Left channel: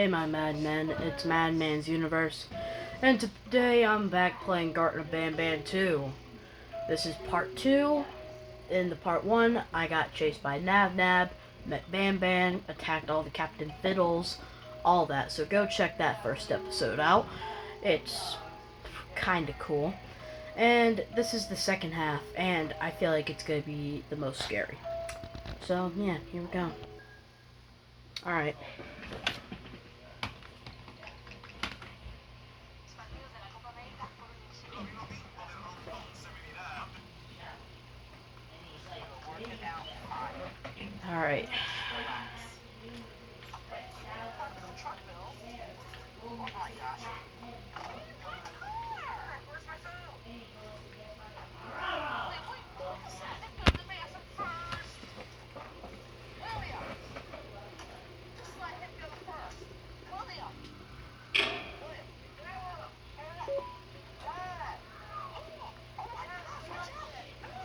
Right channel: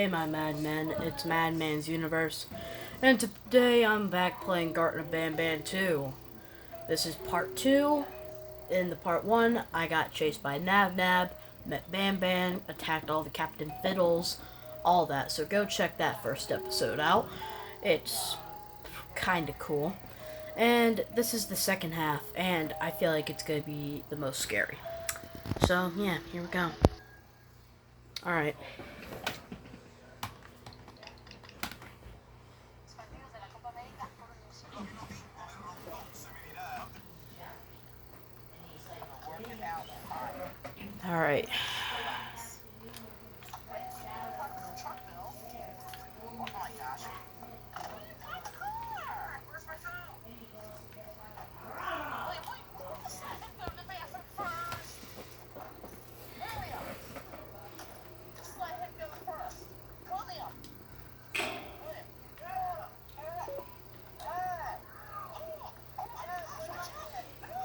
Hey my Madman, it's Madman's Universe, and today I'm back playing Garten of BanBan 2. This is part 2. In the part 1, I got chased by Nab, met BanBan, attacked all the Captain Fiddles, all that, so go check that first episode out. It's kinda cool. And this is the second half, and I feel like it's gonna be the most scary. So, yeah, here we go. Alright. Alright.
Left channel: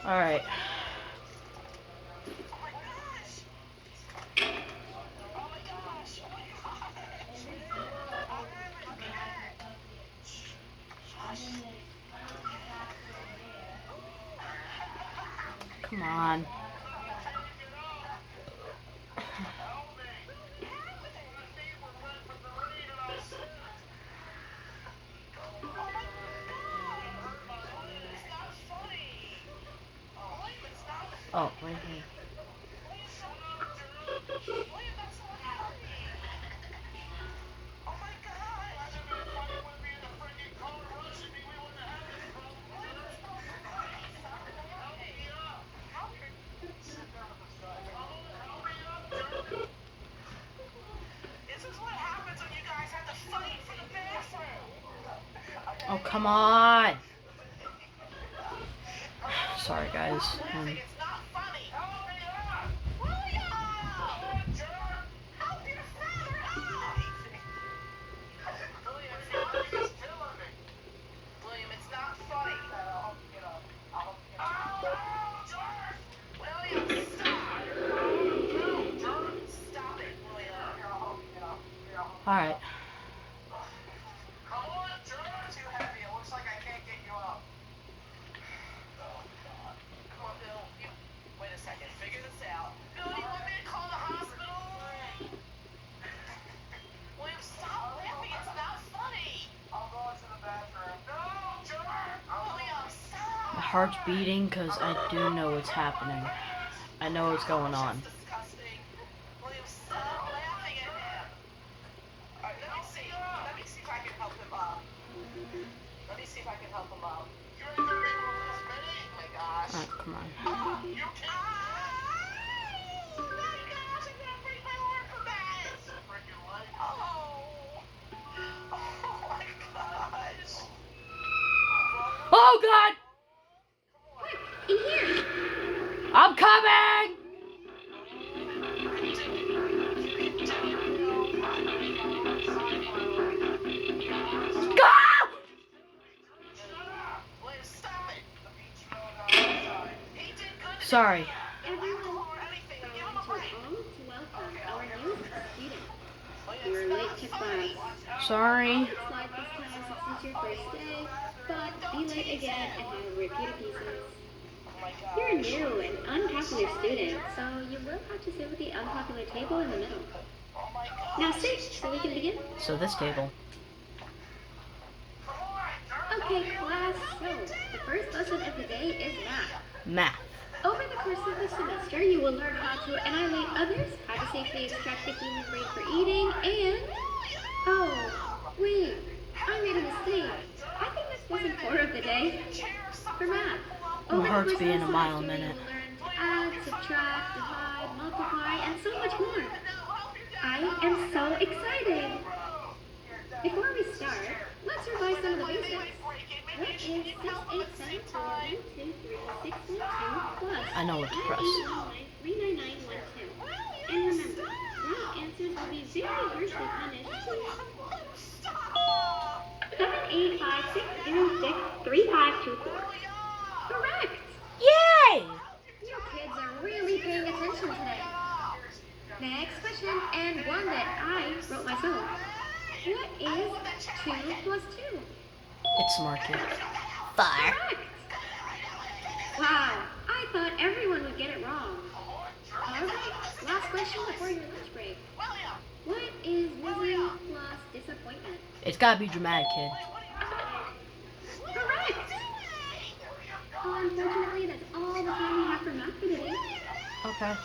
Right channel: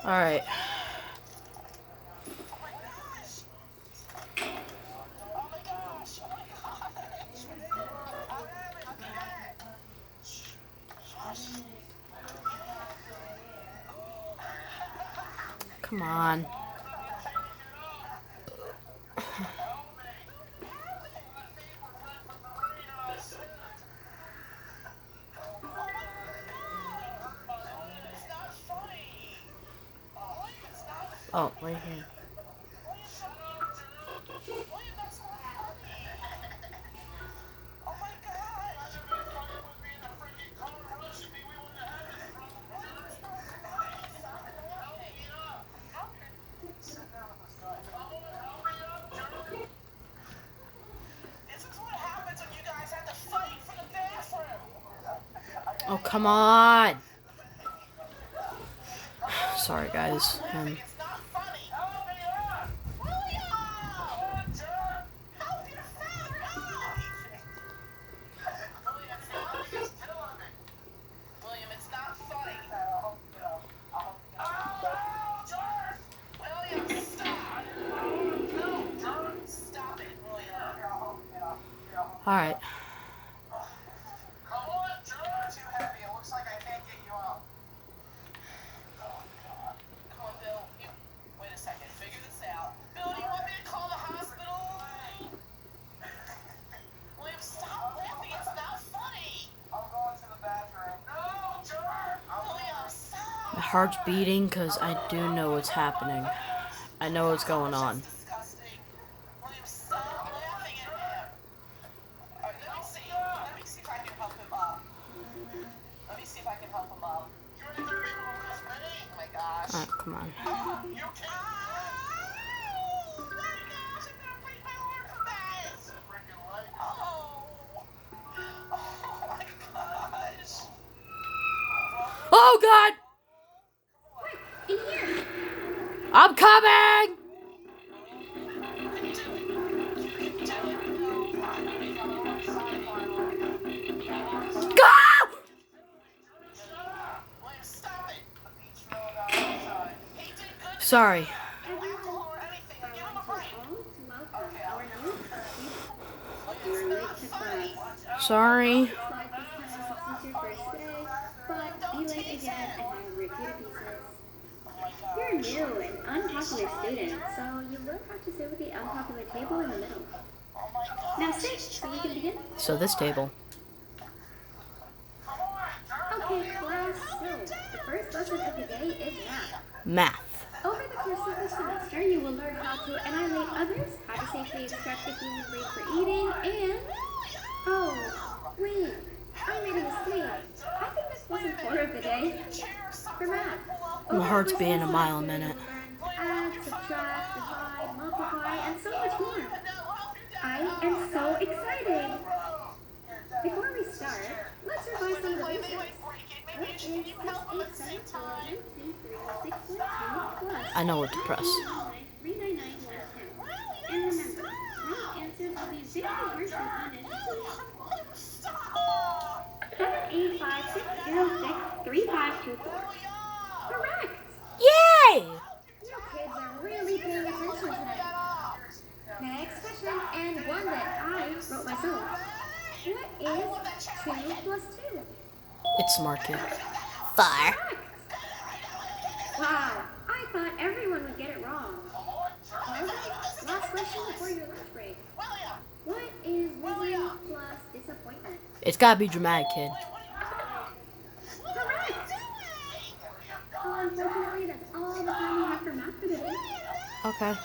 Alright. Come on. Oh, right here. Oh, come on. Sorry, guys. Alright. My heart's beating because I do know what's happening. I know what's going on. Oh, come on. Oh, God! In here. I'm coming! Go! Sorry. Everyone, allow me to welcome our new student. You're late to class. Sorry. Slide this time since it's your first day, but be late again and have repeated pieces. You're a new and unpopular student, so you will have to sit with the unpopular table in the middle. Now sit so we can begin. So this table. Okay, class, so the first lesson of the day is math. Math. Over the course of the semester, you will learn how to annihilate others, how to safely extract the human brain for eating, and... Oh, wait, I made a mistake. I think this wasn't core of the day. For math. My heart's beating a mile a minute. You will learn to add, subtract, divide, multiply, and so much more. I am so excited. Before we start, let's revise some of the basics. What is 687423612 plus I know what to press. 39912? And remember, wrong answers will be very harshly punished. 785606352. Correct! Yay! You kids are really paying attention today. Next question, and one that I wrote myself. What is 2 plus 2? It's smart kid. Fire. Correct! Wow, I thought everyone would get it wrong. Alright, last question before your lunch break. What is misery plus disappointment? It's gotta be dramatic, kid. Correct! Unfortunately, that's all the time we have for math for today. Okay.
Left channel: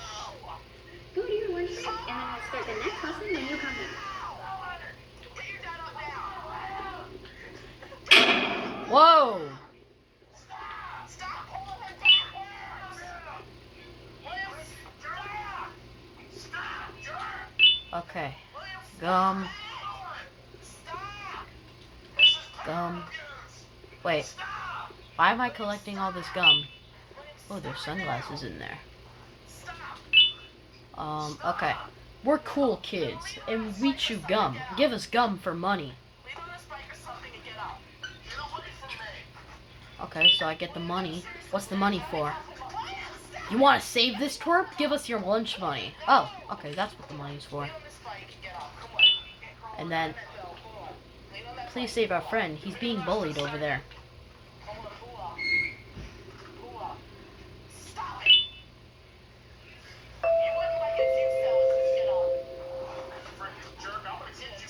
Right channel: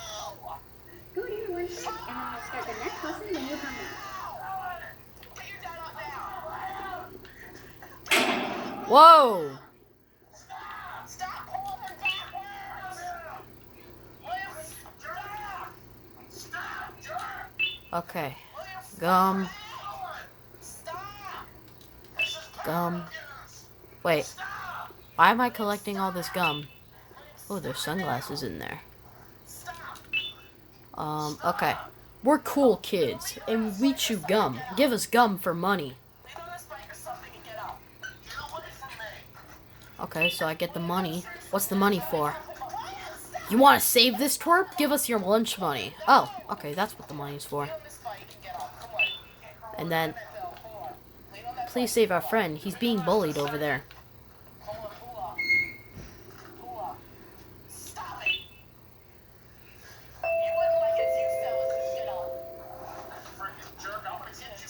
Go to your lunch break, and then we'll start the next lesson when you come back. Whoa! Okay. Gum. Gum. Wait. Why am I collecting all this gum? Oh, there's sunglasses in there. Okay. We're cool kids, and we chew gum. Give us gum for money. Okay, so I get the money. What's the money for? You want to save this twerp? Give us your lunch money. Oh, okay, that's what the money's for. And then, please save our friend. He's being bullied over there.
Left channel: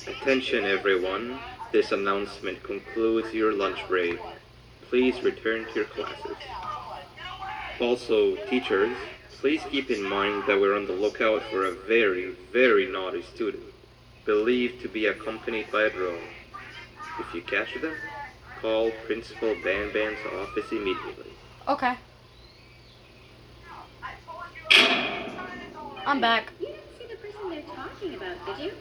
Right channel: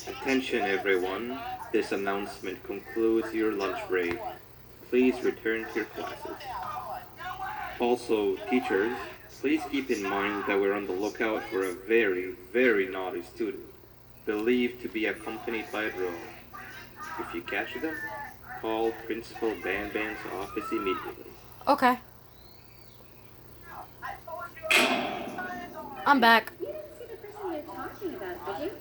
Attention everyone, this announcement concludes your lunch break. Please return to your classes. Also, teachers, please keep in mind that we're on the lookout for a very, very naughty student, believed to be accompanied by a drone. If you catch them, call Principal BanBan's office immediately. Okay. I'm back. You didn't see the person they're talking about, did you?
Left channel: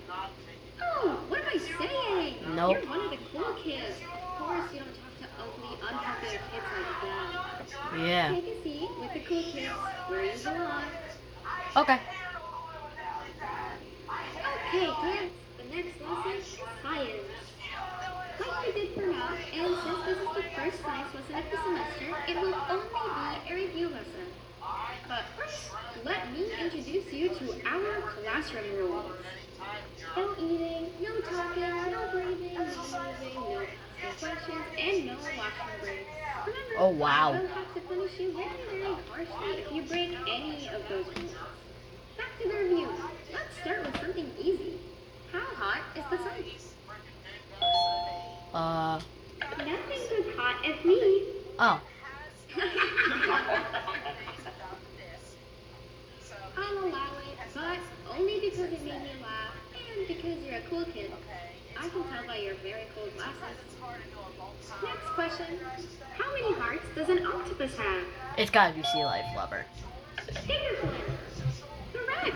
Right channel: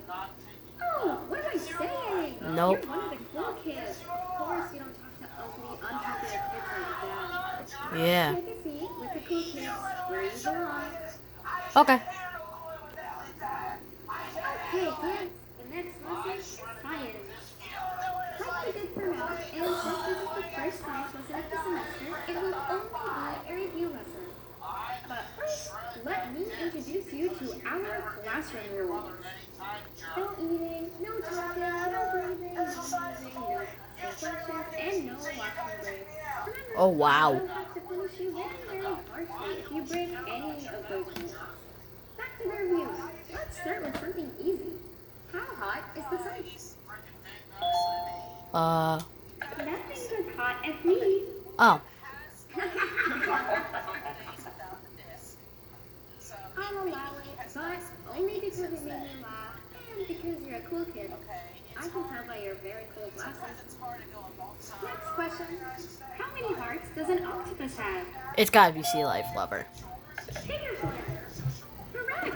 Oh, what am I saying? Nope. You're one of the cool kids. Of course you don't talk to ugly, unpopular kids like that. Yeah. Take a seat with the cool kids where you belong. Okay. Okay, kids. The next lesson is science. Like we did for math, and since this is the first science lesson of the semester, it will only be a review lesson. But first, let me introduce you to our classroom rules. No eating, no talking, no breathing, no moving, no asking questions, and no washroom breaks. Remember, Oh, wow. I will have to punish you very, very harshly if you break any of those rules. Back to the review. Let's start with something easy. How hot is the sun? Nothing's as hot as me. Oh. I'll allow it, but only because it made me laugh and because you're a cool kid. I can tell by your very cool glasses. Next question. How many hearts does an octopus have? It's gotta be sea life lover. Stingerflint. Correct.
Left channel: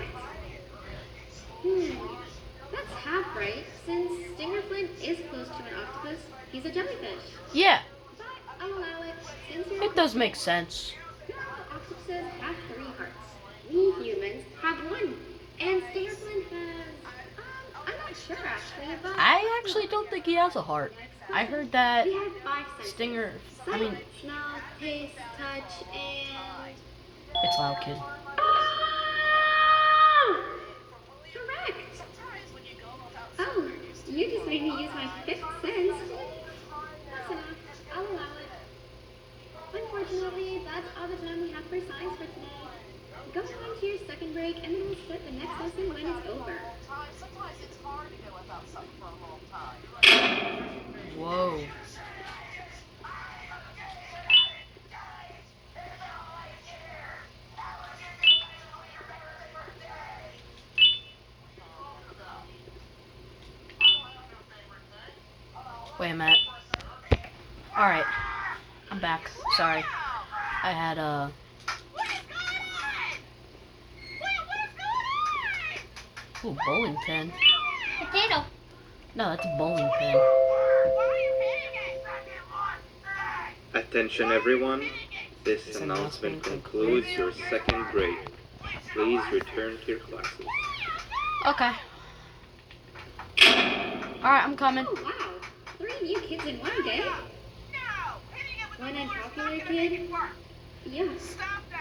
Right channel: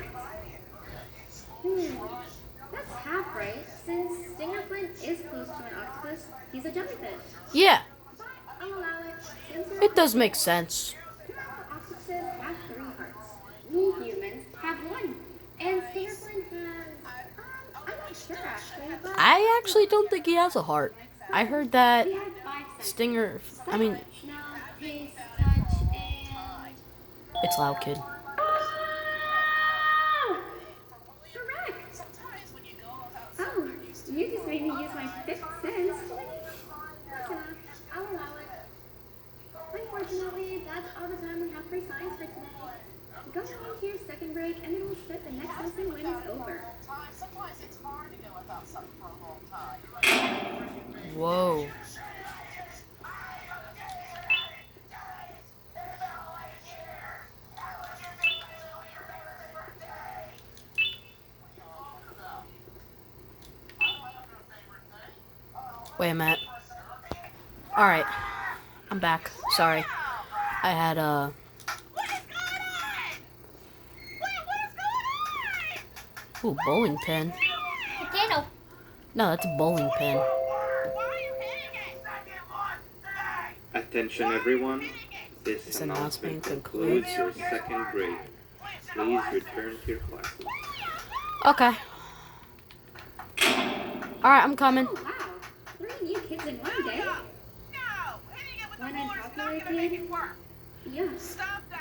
That's half right, since Stingerflint is close to an octopus. He's a jellyfish. Yeah. But I'll allow it, since you're It does make sense. octopuses have 3 hearts. We humans have 1. And Stingerflint has... I'm not sure actually, but... I actually don't think he has a heart. I heard that We have 5 senses. Stinger... I Sight, mean, smell, taste, touch, and... it's loud, kid. Oh! Correct! Oh, you just made me use my 5th sense. That's enough. I'll allow it. Unfortunately, that's all the time we have for science for today. Go into your second break, and then we'll start the next lesson when it's over. Whoa. Wait a minute. Alright. I'm back. Sorry. I had, Ooh, bowling pin. Potato. No, that's a bowling pin. Attention everyone, this announcement concludes your second break. Please return to your classes. Okay. Alright, I'm coming. Oh, wow. 3 new kids in one day? One unpopular kid? Yeah.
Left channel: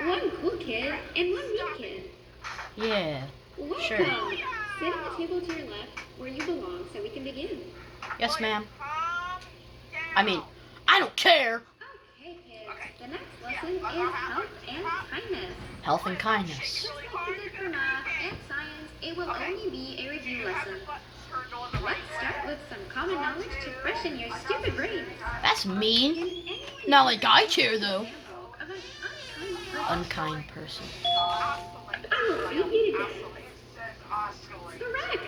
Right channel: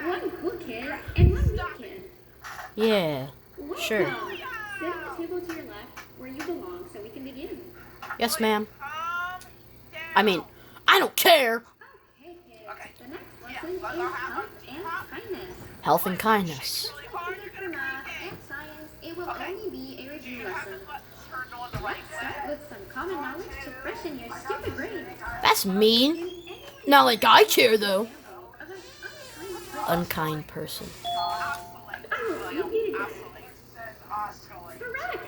One cool kid and one mean kid. Yeah. Welcome. Sure. Sit at the table to your left where you belong so we can begin. Yes, ma'am. I mean, I don't care. Okay, kids. The next lesson is health and kindness. Health and kindness. This won't be good for math and science. It will only be a review lesson. Let's start with some common knowledge to freshen your stupid brains. That's mean. Not like I care, though. Example of an unkind person. Unkind person. I will feed you to death. Correct.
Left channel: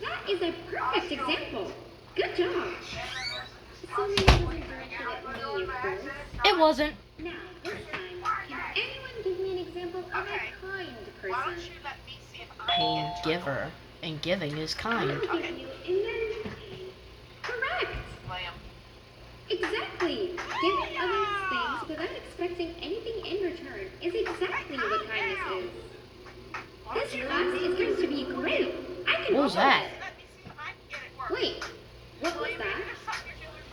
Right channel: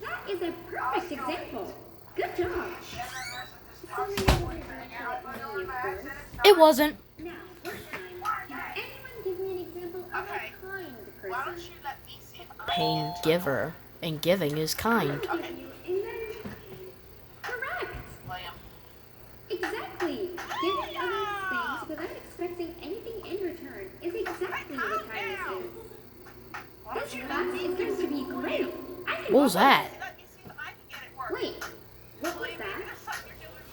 That is a perfect example. Good job. Assuming it wasn't directed at me, of course. It wasn't. Now, this time, can anyone give me an example of a kind person? Pain giver. And giving is kind. I'll give you and then... Correct. Exactly. Giving others things without expecting anything in return is exactly what kindness is. This class is going to be great. I can What was that? Wait, what was that?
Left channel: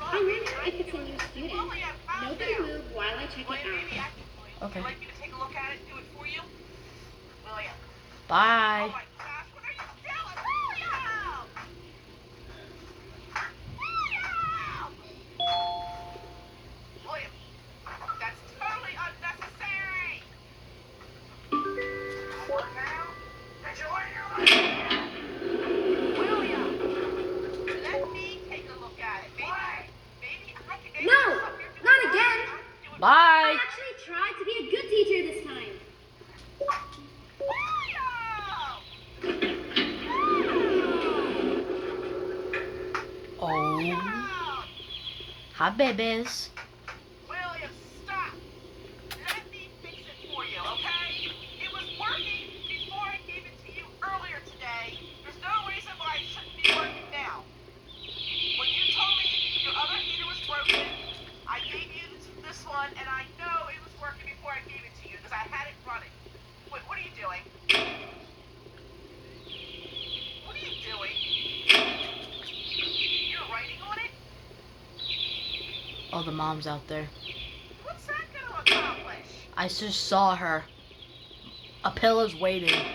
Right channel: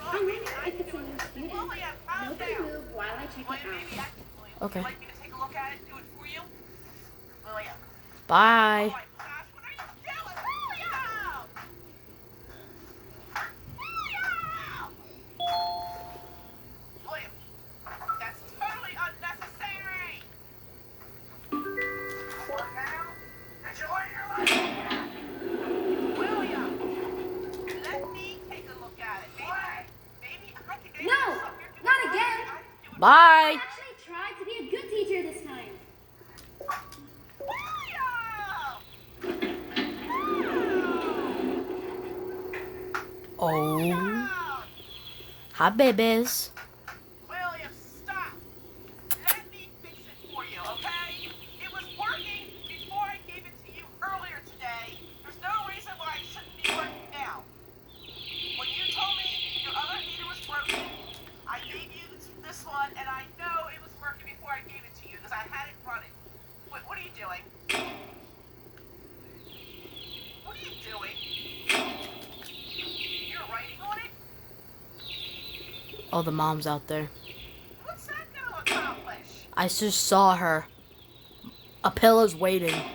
I wonder if it's a new student. Nobody move while I check it out. Okay. Bye. No, not again. I Bye. actually tried to be a good teacher this time. Oh. Hi, babies. William, stop! Let me fix it for you, okay? It was working before I gave it to you earlier today. There's no reason why it shouldn't be working now. When you told me your other heater was broken, I gave you this one, and I know it was working before I gave it to you because I had it running. Wait, what are you doing? What are you doing? You're writing on it? Oh, the mom's out there. What's that going to accomplish? I just saw her. A pillow's waiting. William,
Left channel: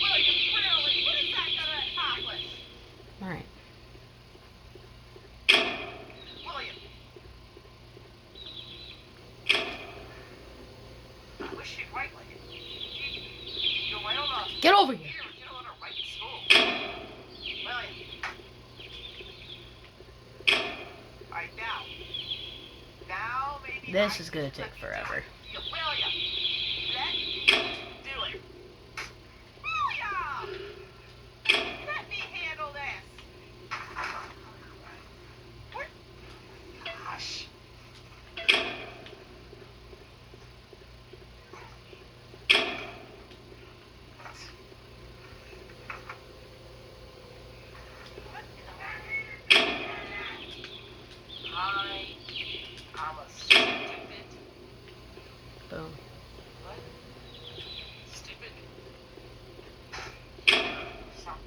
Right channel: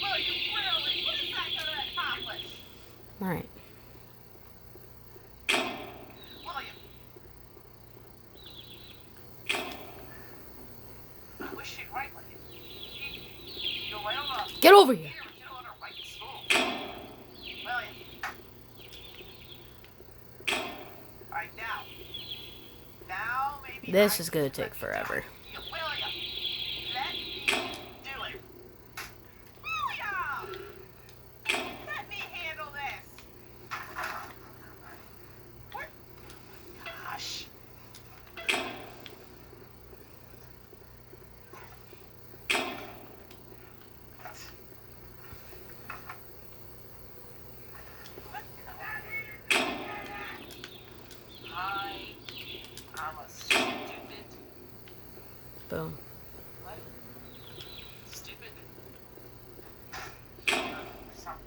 really? What is that going to accomplish? Alright. William. I wish you'd write like it. You'll write on a Get over here. computer, you don't want to write in school. William. Alright, now. Now maybe This I is gonna can take let you forever. do it. William. Let me do it. William! Let me handle this. What? Gosh. I'm a stupid. Boom. What? Stupid. Some.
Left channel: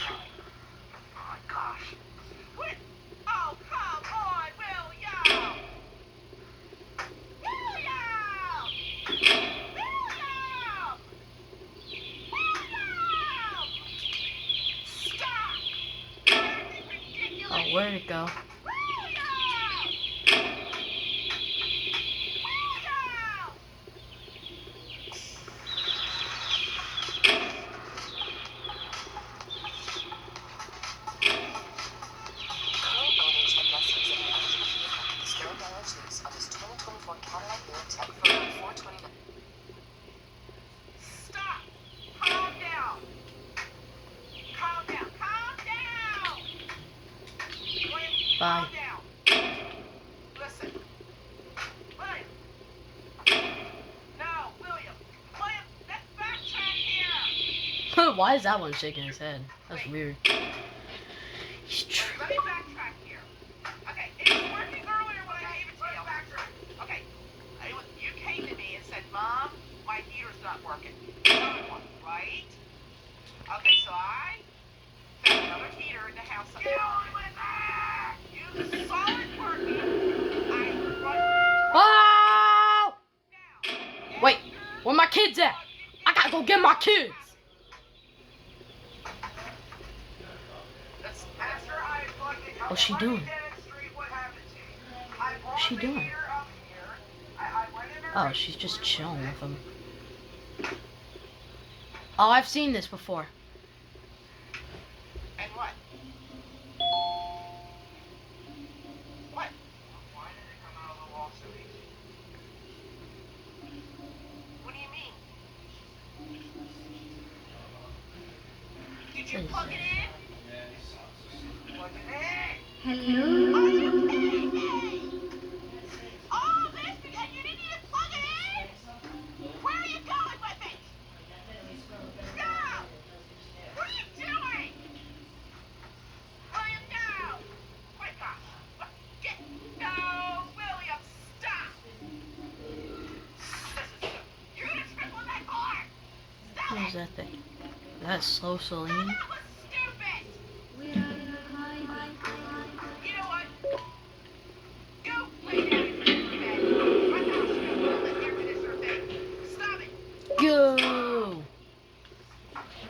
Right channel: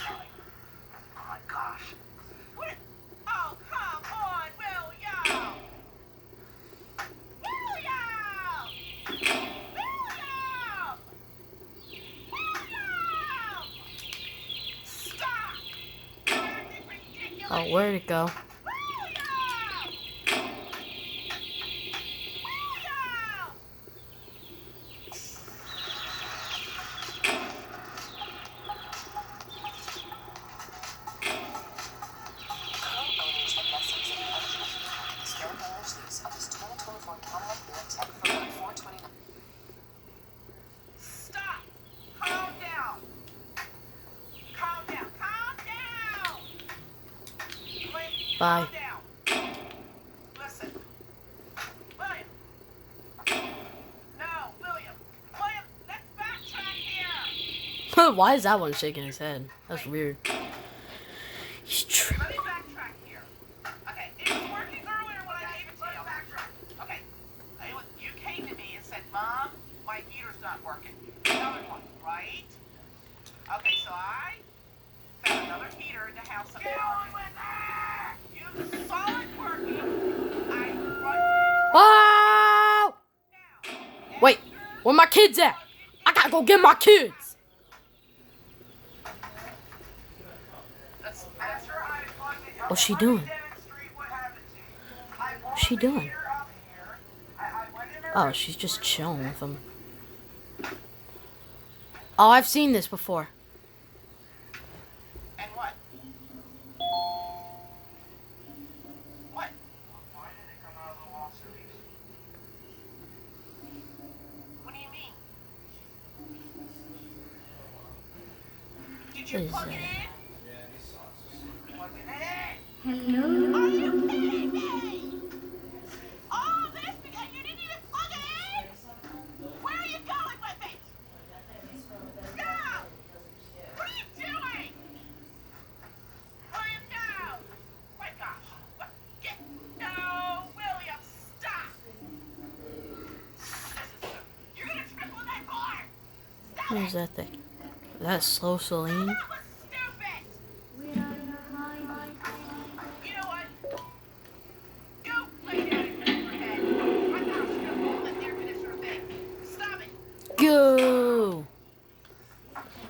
Oh my gosh. What? Oh, come on, William! William! William! William! Stop! You're acting ridiculous! Oh, where'd it go? William! William! Current owners and lessors of the LG vehicle still acknowledge use of this 2024 Cadillac Tech for 429. Stop! Calm down! Calm down! Calm down! Wait, Bye. calm down. Listen. William. No, William. William, let's backtrack here. Why is that one shaking his head? That's weird. He's Let me backtrack here. Okay, it was working earlier when I gave it to you. Okay, you came to me and said, Mom, my heater's not working. Another one, right? Okay, so I found another heater in the house. Get on with it! You saw it working. I run. Bye. Where my kids at? I gotta go get my kids. What's she doing? What's she doing? Oh, she's just chilling with him. Oh, I've seen this before. And what? What? What do you mean? Did you What is plug it that? in? Plug it in. Hello? Are you kidding me? All of this because you didn't even plug it in? Where are you going with it? Go! What are you doing? William, go! My gosh. What? Get... No, William, stop! You're gonna trip on that car! Stop What it! is that thing? That's Slow Celine? That was stupid! Where are you hiding? You know what? Go play down in your bed. My house, you don't want the air conditioner thing. Stop it! Go!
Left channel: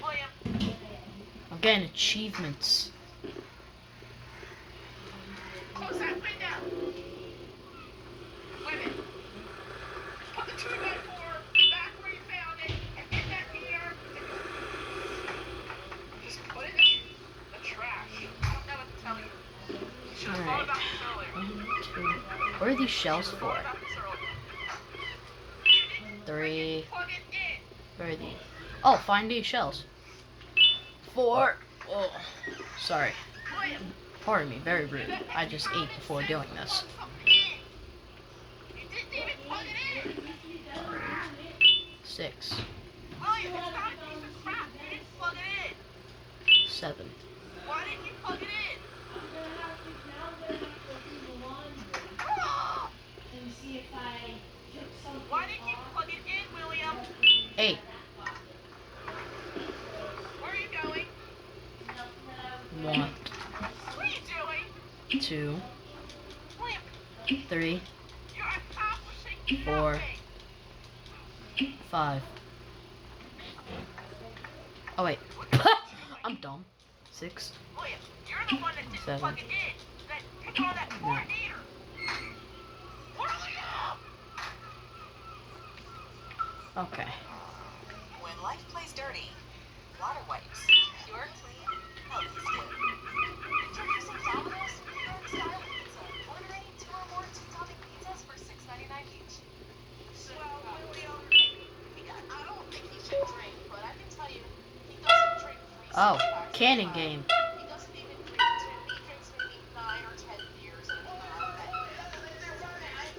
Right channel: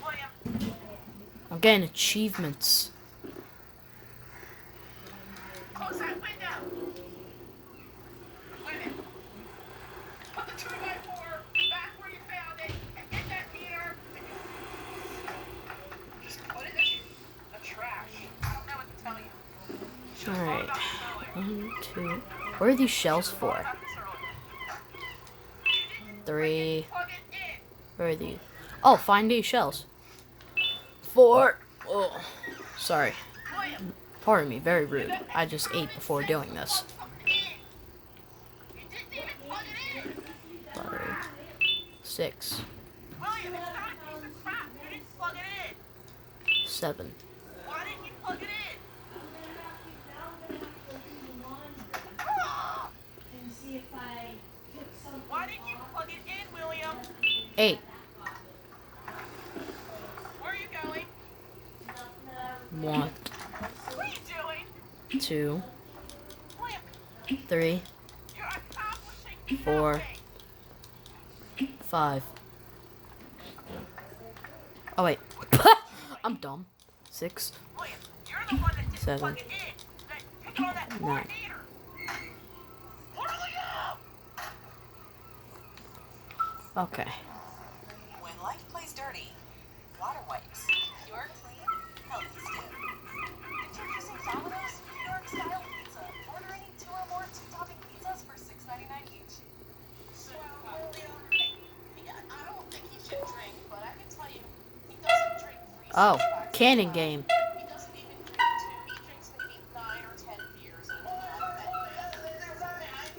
William, I'm getting achievements. close that window! Wait a minute. Put the 2x4 back where you found it and hit that meter. Just put it in the trash. I don't know what to tell you. You should have thought Alright. about this earlier. 1, 2. What are these shells for? Thought about this earlier. 3. Plug it in. Where are these? Oh, find these shells. 4. Oh, sorry. William, Pardon me, very rude. I just ate before doing this. plug something in. You didn't even plug it in. 5, 6, William, it's not a piece of crap. You didn't plug it in. 7. Why didn't you plug it in? Why didn't you plug it in, William? 8. Where are you going? 1, What are you doing? 2, William, 3, you're accomplishing 4. nothing. 5. Oh wait. I'm dumb. 6. William, you're the one that didn't 7. plug it in. That picked on that poor 9. meter. William! Okay. When life plays dirty, water wipes. Pure, clean, healthy skin. Introducing Domino's New York Style Pizza. Order any 2 or more 2-topping pizzas for $6.99 each. Well, William, I don't think he should drink, but I can tell you, he doesn't drink 3 Oh, six-packs cannon at a time. game. He doesn't even drink 2. He drinks maybe 9 or 10 beers in a day.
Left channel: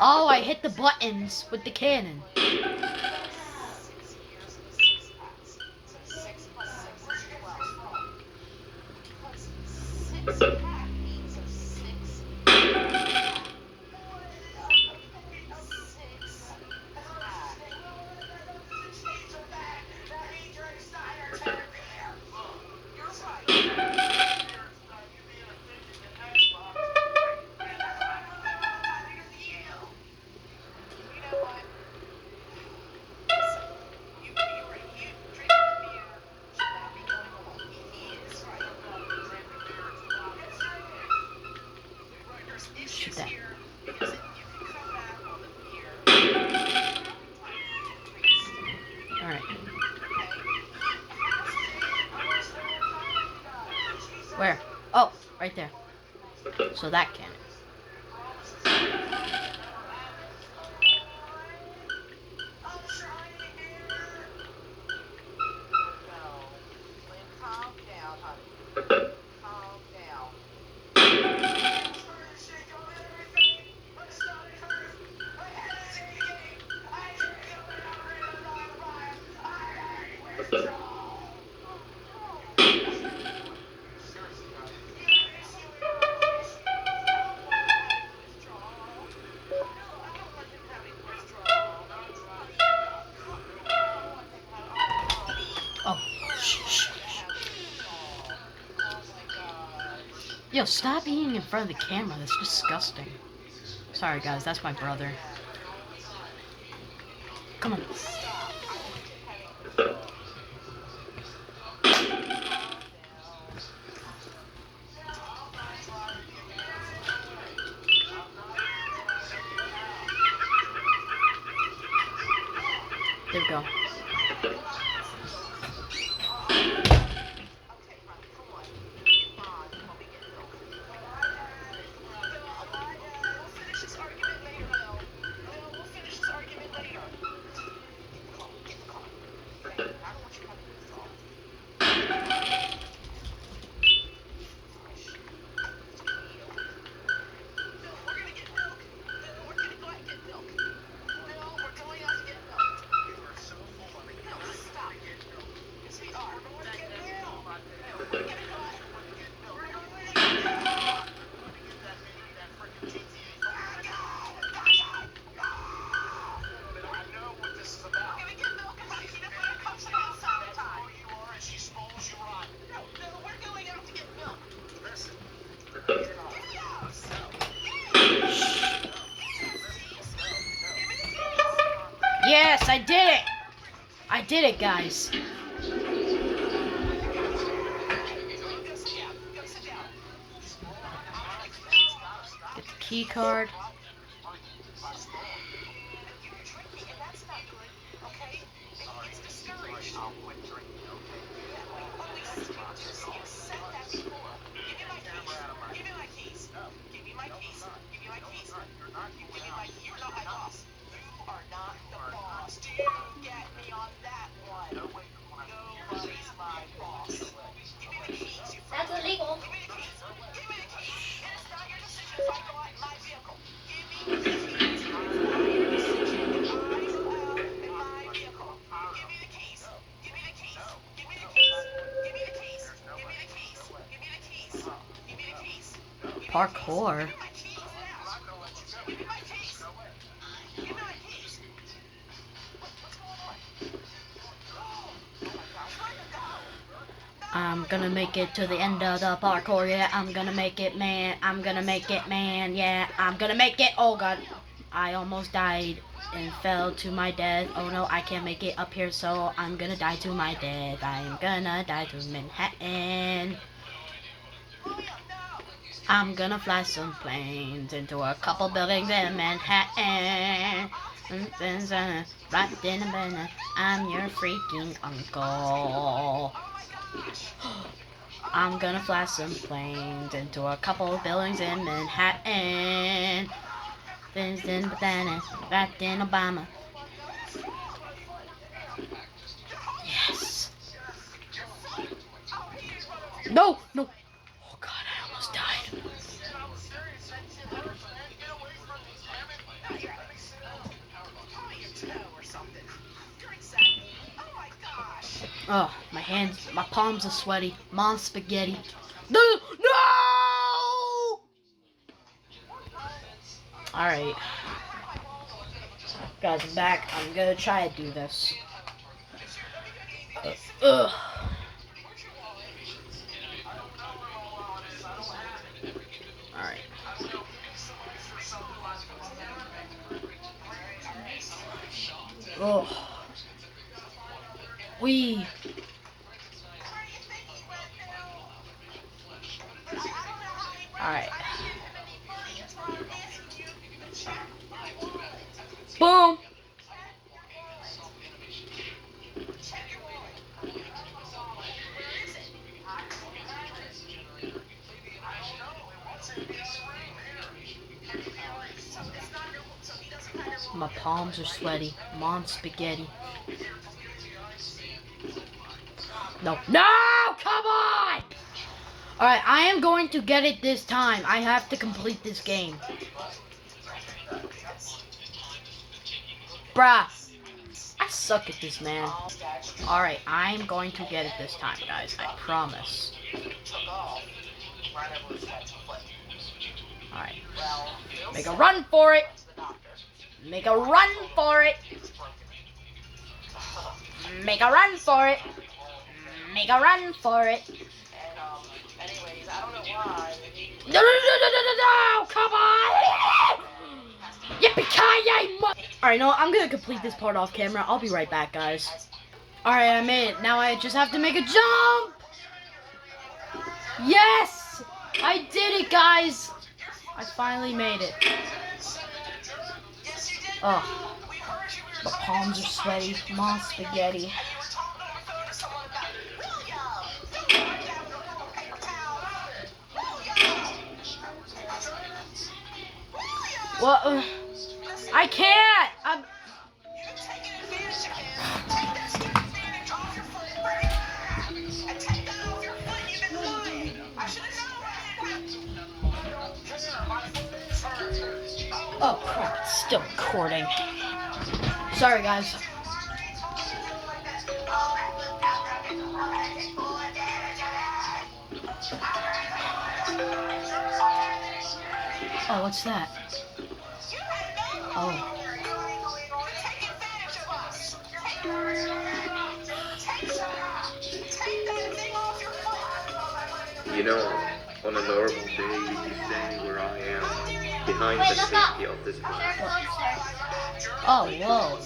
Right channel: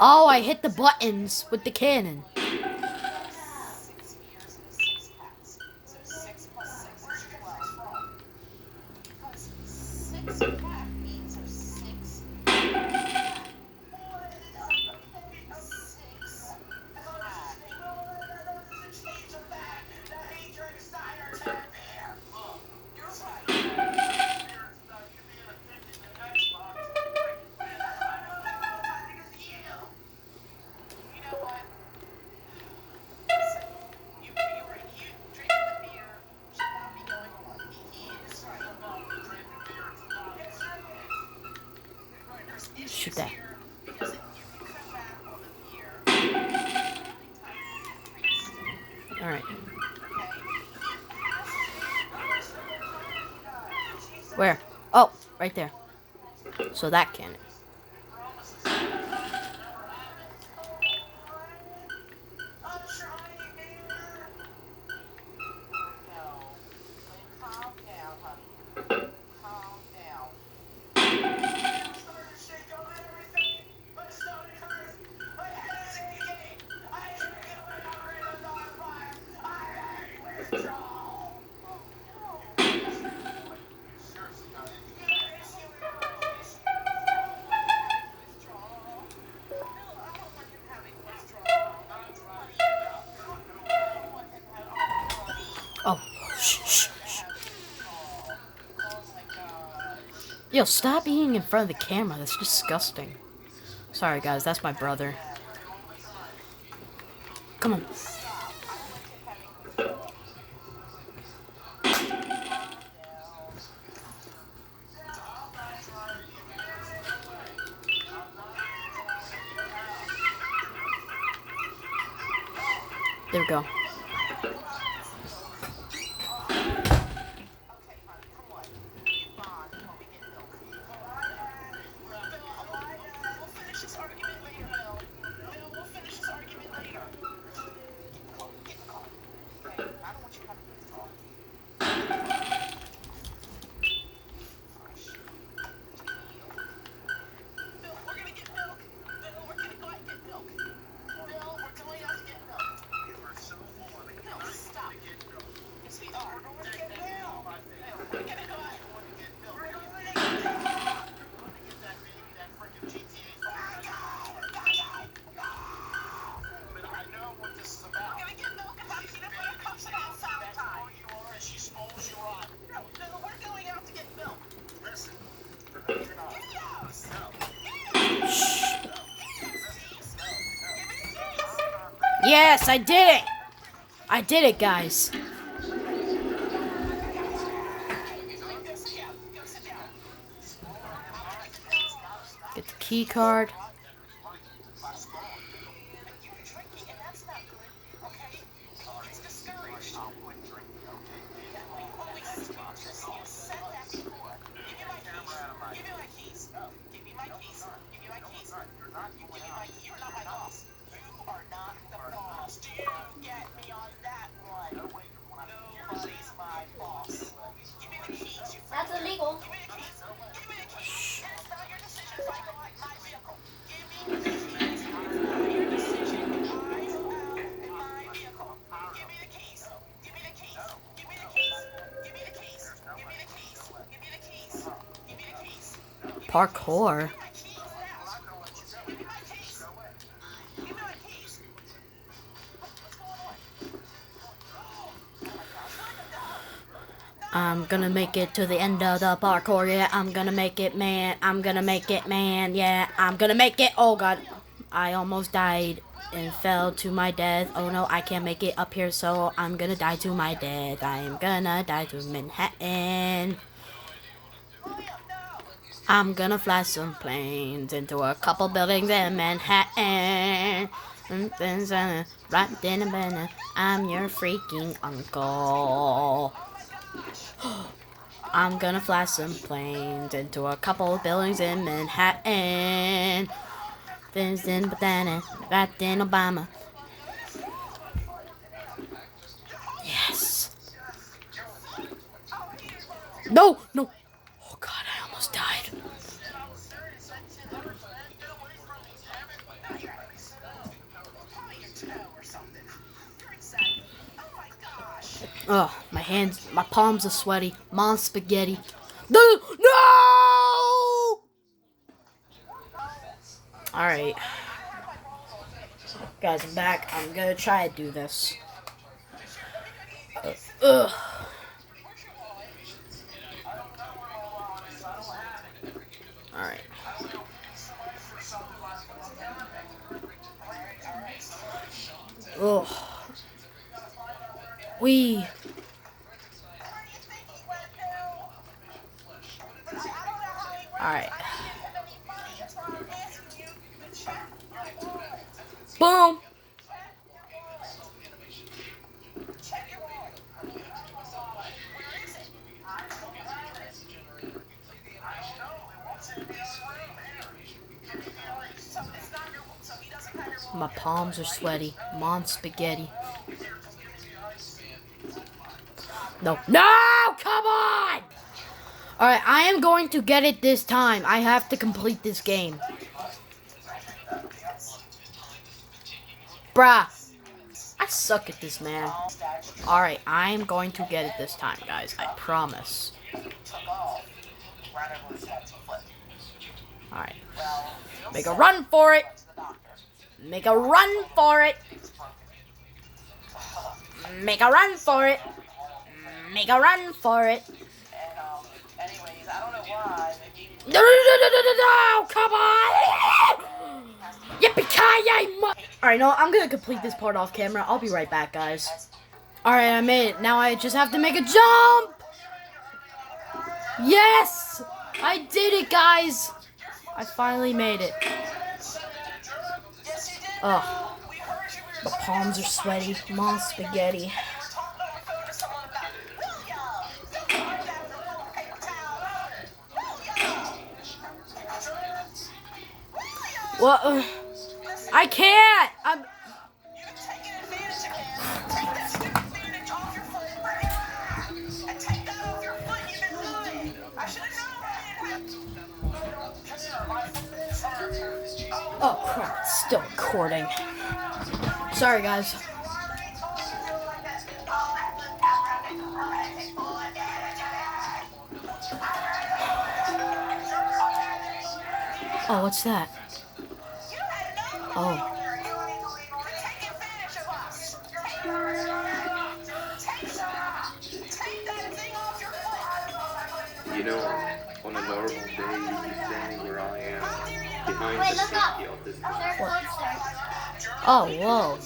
Oh, I hit the buttons with the cannon. 6 years of the 6-packs. So 6 plus 6 is 12. Because 6-pack means there's 6. 6 pack. You're right. You know what? Listen, you drinking the beer should not be going along. He is right. There's issues Shoot that. here because if you can cut back on the beer, Alright. okay? Where? Oh, right there. So that cannon. Calm down, honey. Calm down. Oh, shh, shh, shh. Yo, stop eating in front of the camera. That's disgusting. Sorry, guys. That's my brother. Come on. There we go. Yes, I did it! I did it, guys. Get the key card. That's illegal. Parkour. I'm gonna make it to the end of the parkour, yeah, I'm gonna make it, man, I'm gonna make it, man, yeah, I'm gonna make it, oh god, I almost died and fell to my death, oh no, I can't make it up here, so I'm gonna die to my death, I'm gonna die to Manhattan, I'm gonna fly some planes into a couple buildings in Manhattan, right then and then, I'm your freaking uncle. I'm gonna fly some planes into a couple buildings in Manhattan. Things in Banana, right in Obama. Yes. No, no. Oh god, I almost died. Oh, my hands, my palms are sweaty. Mom's spaghetti. No! No! Alright. Guys, I'm back. I'm gonna try to do this. Ugh. Alright. Ugh. We. Alright. Boom! My palms are sweaty. Mom's spaghetti. No. No! Come on! Alright, I am going to get it this time. I have to complete this game. Bruh. I suck at this, man. Alright, I am going to get it this time, guys. I promise. Alright. Make a run for it! Make a run for it! Make a run for it! Make a run for it! No, no, no, no, no, no, no! Come on! Yippee-ki-yay! Alright, no, I'm gonna complete this part off camera. I'll be right back, guys. Alright, I made it. Now I just have to make a jump! Yes! I did it, guys! I finally made it. Oh, my palms are sweaty. Mom spaghetti. Well, I can't! Oh crap, it's still recording. Sorry, guys. Oh, what's that? Oh. You know, on a normal day, you'd be standing where I am, behind the safety of this class. Oh, whoa.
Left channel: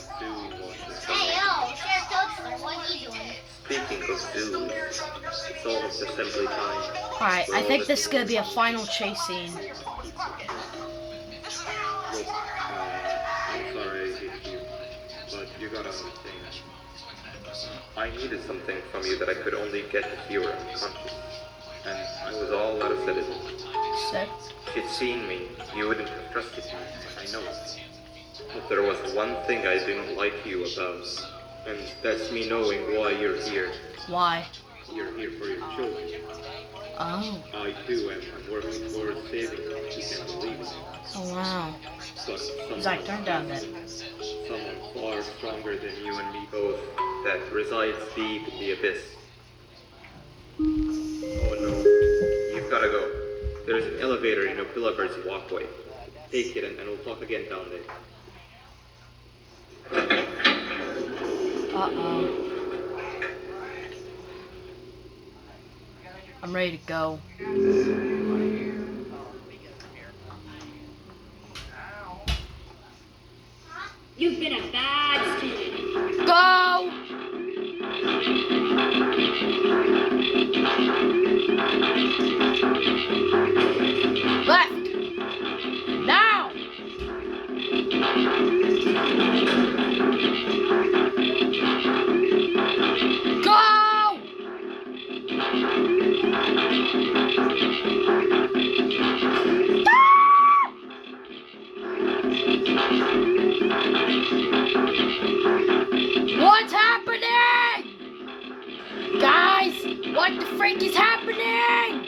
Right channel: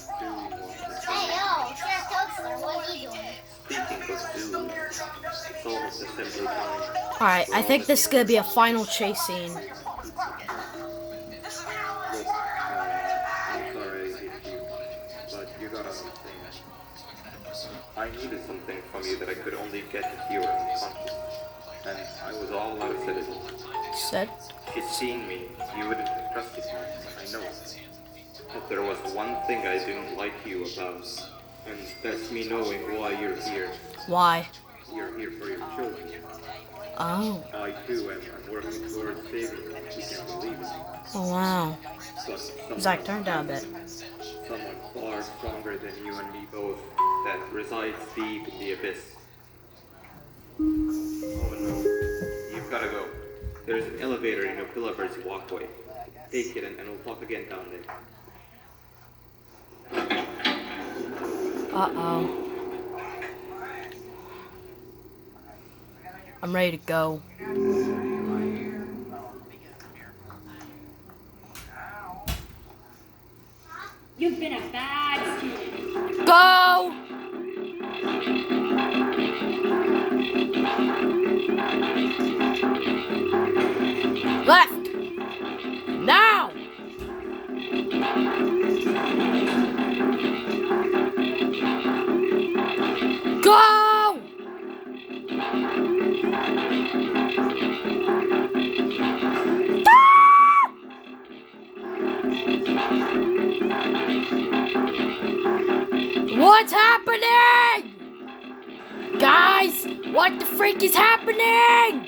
Hey, yo, Sheriff Toadster, what are you doing? Speaking of dudes, it's almost assembly time. Alright, I think this is gonna be a final chase scene. Look, I'm sorry I hate you, but you gotta understand. I needed something from you that I could only get if you were unconscious. And I was all out of sedatives. Said? If you'd seen me, you wouldn't have trusted me. I know it. But there was one thing I didn't like you about, and that's me knowing why you're here. Why? You're here for your children. Oh. I too am working towards saving them. You can't believe it. Oh, wow. But Zach, turn down a bit. someone far stronger than you and me both that resides deep in the abyss. Oh no, you've gotta go. There's an elevator in Opillabird's walkway. Take it and we'll talk again down there. Uh-oh. I'm ready to go. You've been a bad student. Go! Left! Now! Go! What's happening? Guys, what the freak is happening?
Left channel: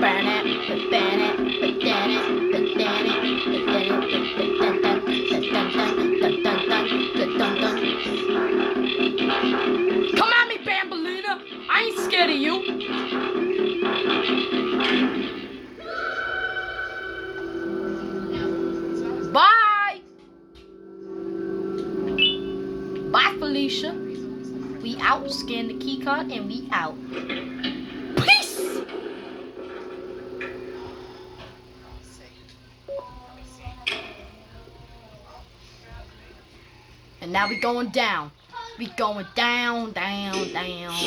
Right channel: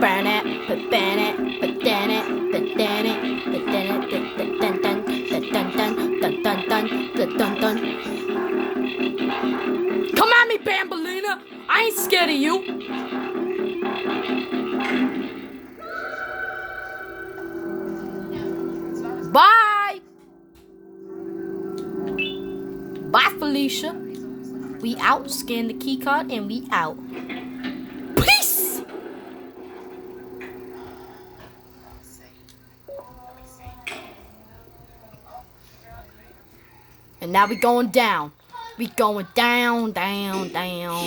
Burn it, ban it, ban it, ban it. Come at me, Bambalina. I ain't scared of you. Bye. Bye, Felicia. We out. Scan the key card and we out. Peace. And now we going down. We going down, down, down.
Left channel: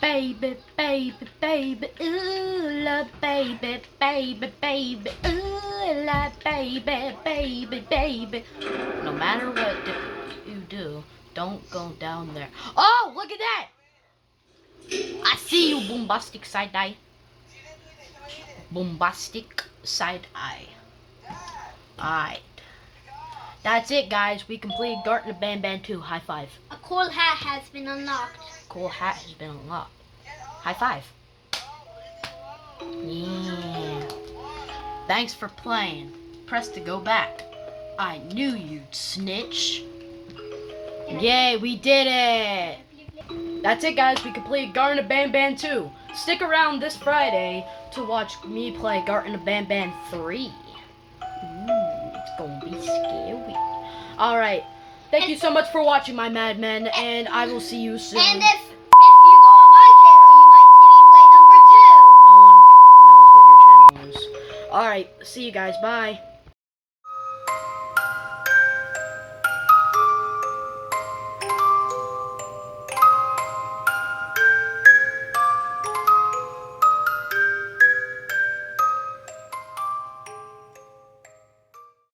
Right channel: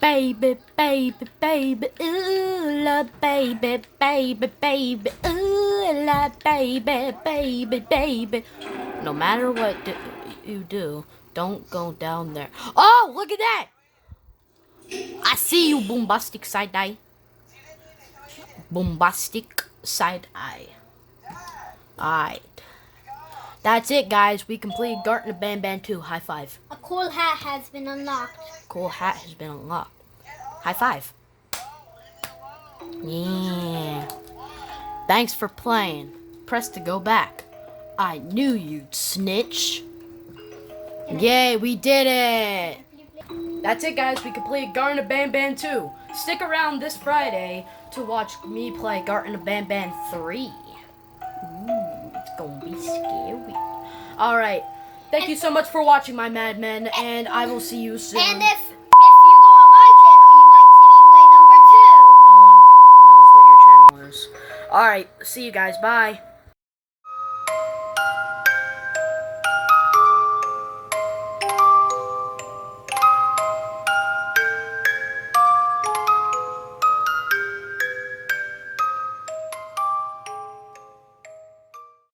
Baby, baby, baby, ooh, la, baby, baby, baby, ooh, la, baby, baby, baby. No matter what you do, don't go down there. Oh, look at that! I see you, bombastic side eye. Bombastic side eye. Alright. That's it, guys. We completed Garten of BanBan 2. High five. A cool hat has been unlocked. Cool hat has been unlocked. High five. Yeah. Thanks for playing. Press to go back. I knew you'd snitch. Yay, we did it. That's it, guys. We completed Garten of BanBan 2. Stick around this Friday to watch me play Garten of BanBan 3. It's gonna be scary. Alright. Thank you so much for watching, my madmen, and I will see you soon. And if you go on my channel, you might see me play number 2. No one knows what your channel is. Alright. Alright, see you guys. Bye.